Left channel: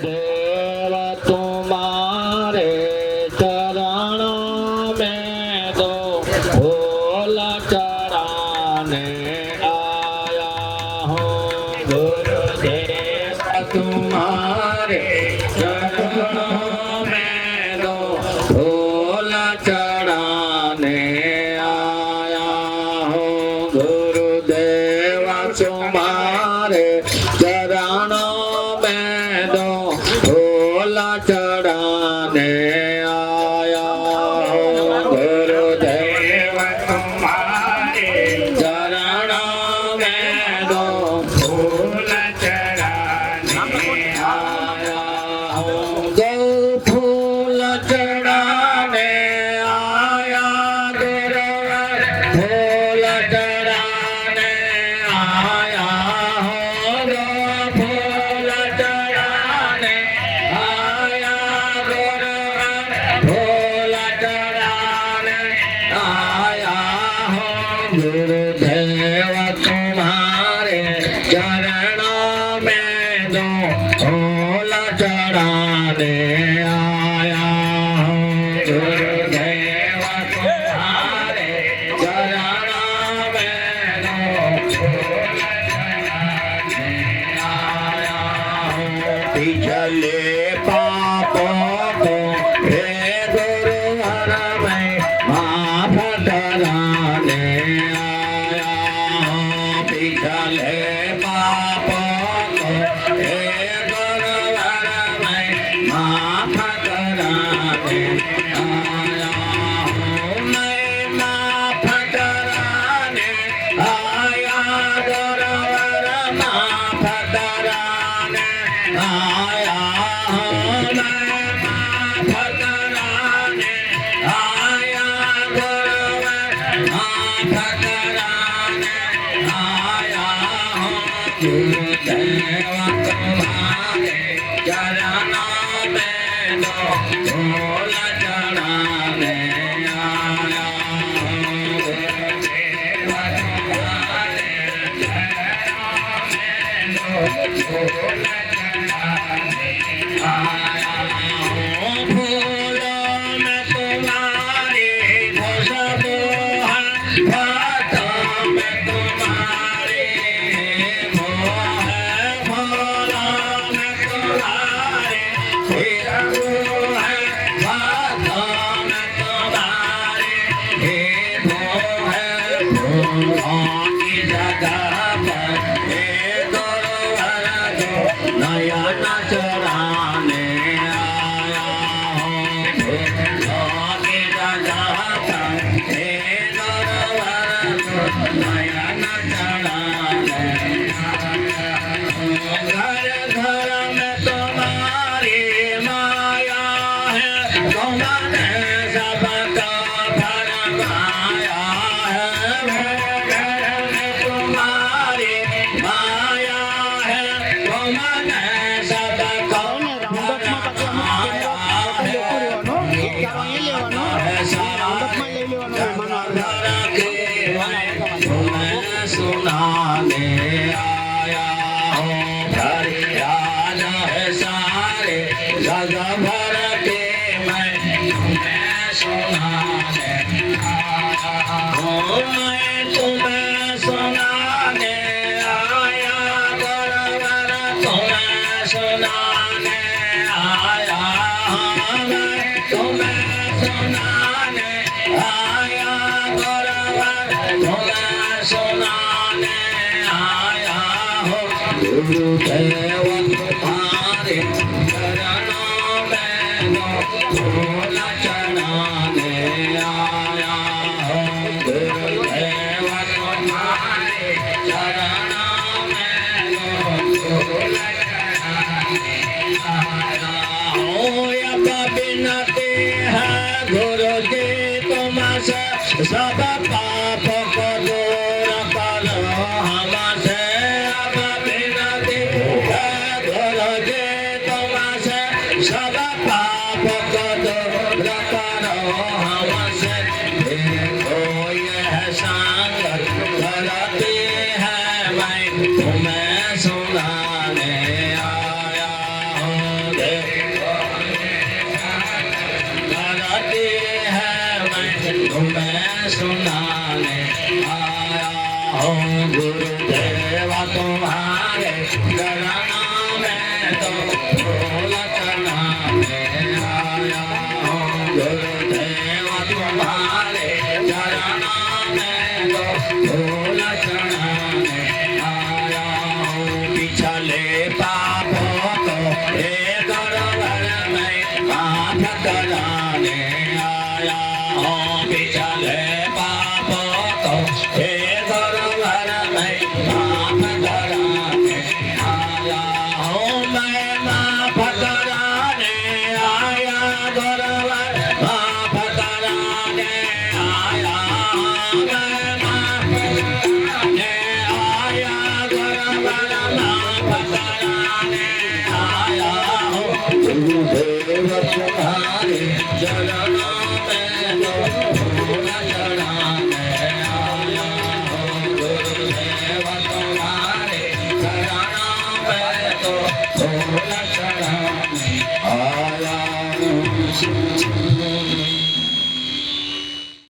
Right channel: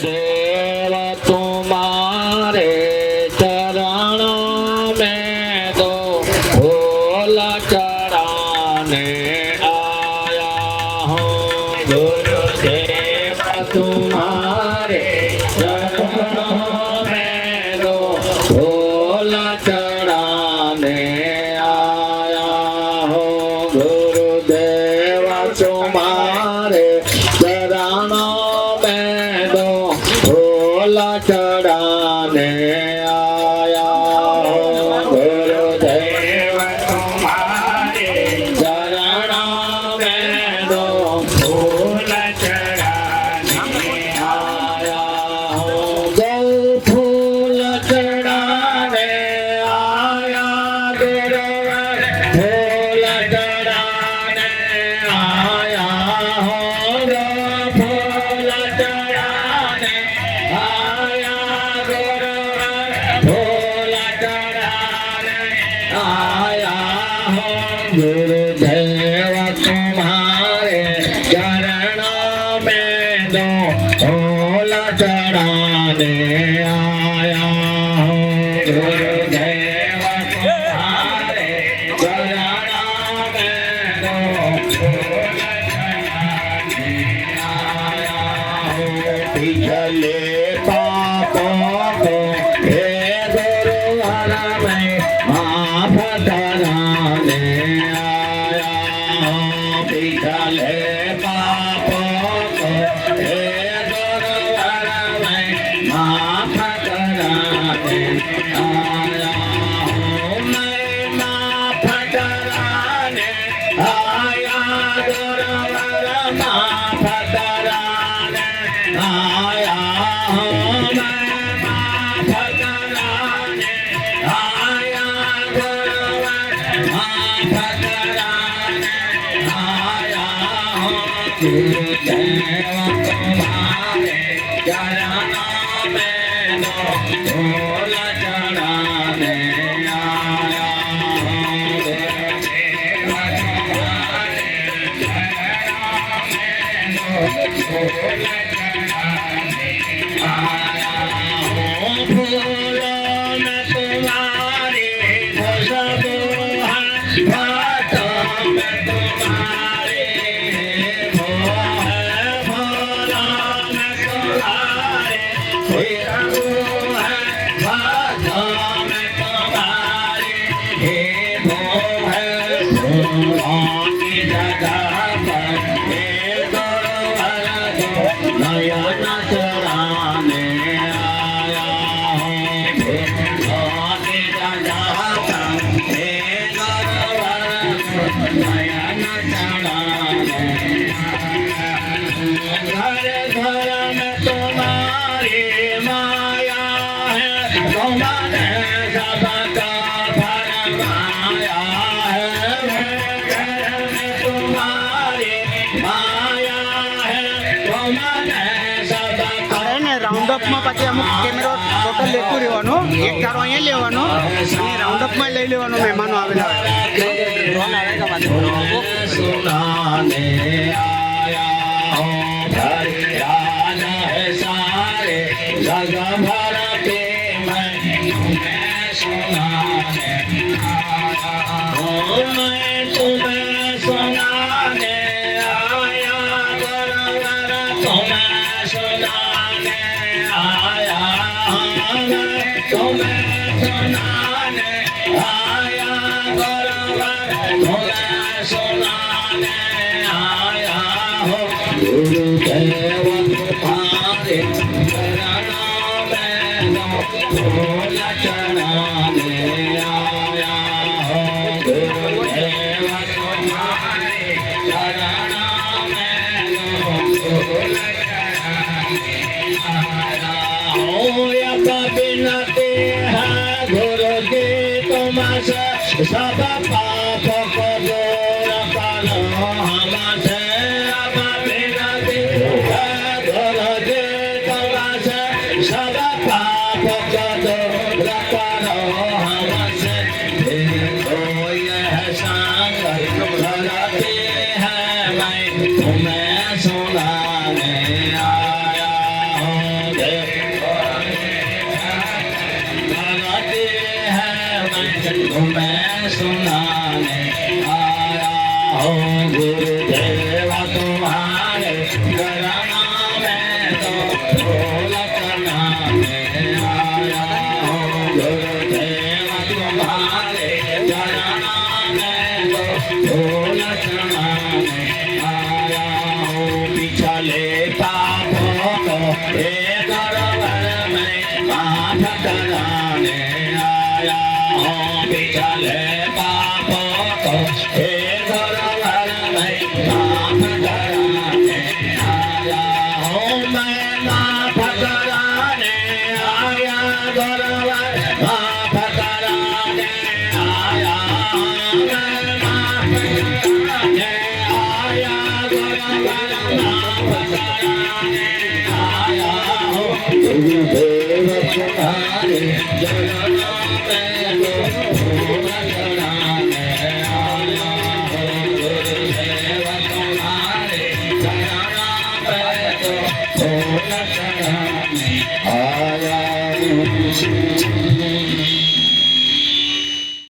गुरुदेव तुम्हारे चरणों में दो फूल चढ़ाने आया हूँ। गुरुदेव तुम्हारे चरणों में दो फूल चढ़ाने आया हूँ। गुरुदेव तुम्हारे चरणों में दो फूल चढ़ाने आया हूँ। गुरुदेव तुम्हारे चरणों में दो फूल चढ़ाने आया हूँ। दो फूल चढ़ाने आया गुरुवर, फूल चढ़ाने आया हूँ। दो फूल चढ़ाने आया गुरुवर, फूल चढ़ाने आया हूँ। गुरुदेव तुम्हारे चरणों में दो फूल चढ़ाने आया हूँ। गुरुदेव तुम्हारे चरणों में दो फूल चढ़ाने आया हूँ। पिछले पापों को हे गुरुवर मैं माफ कराने आया हूँ। पिछले पापों को हे गुरुवर मैं माफ कराने आया हूँ। मैं माफ कराने आया गुरुवर, माफ कराने आया हूँ। मैं माफ कराने आया गुरुवर, माफ कराने आया हूँ। गुरुदेव तुम्हारे चरणों में दो फूल चढ़ाने आया हूँ। गुरुदेव तुम्हारे फूल चढ़ाने आया हूँ। फूलों में तुम्हारी खुशबू है, बातों में तुम्हारी वो है। फूलों में तुम्हारी खुशबू है, बातों में तुम्हारी वो है। फूलों की जगह पर हे गुरुवर दो नयन चुराने आया हूँ। फूलों की जगह पर हे गुरुवर दो नयन चुराने आया हूँ। घर घर में तुम्हारी माया है, तुमने सबका फरमाया है। घर में तुम्हारी माया है, तुमने सबका રાઉન્ડઅપમાં પછી અમુક કેમેરો ફોટો લેતું રહેવાનું, એક તારો અહીંયા લેવાનો અને રાઉન્ડઅપમાં લઈ લેવાનો મહેમાનો આવેલા सुनाने आया हूँ। फरियाद है सारे जग भर के मैं तुम्हें सुनाने आया हूँ। मैं तुम्हें सुनाने आया गुरुवर, तुम्हें सुनाने आया हूँ। मैं तुम्हें सुनाने आया गुरुवर, तुम्हें सुनाने आया हूँ। गुरुदेव तुम्हारे चरणों में दो फूल चढ़ाने आया हूँ। गुरुदेव तुम्हारे चरणों में दो फूल चढ़ाने आया हूँ। यद विनती है गुरु जी तुमसे, सब पाप को दूर करो हमसे। अब विनती है गुरु जी तुमसे, सब पाप को दूर करो हमसे। देखो यह संग करते हैं मैं तुम्हें सुनाने आया हूँ। करती है तुम्हें सुनाने आया हूँ गुरुदेवा तुम्हारे चरणों में तो ढोलकना में आया हूँ गुरुदेवा तुम्हारे चरणों में तो ढोलकना में आया हूँ पिछले पापों को हे गौरवर में माफ कराने आया हूँ पिछले पापों को हे गौरवर में माफ कराने आया हूँ मैं माफ कराने आया गौरवर माफ कराने आया मैं माफ कराने आया गौरवर माफ कराने आया हूँ गुरुदेव तुम्हारे चरणों में तो फूल चढ़ाने आया हूँ गुरुदेव तुम्हारे चरणों में तो फूल चढ़ाने आया हूँ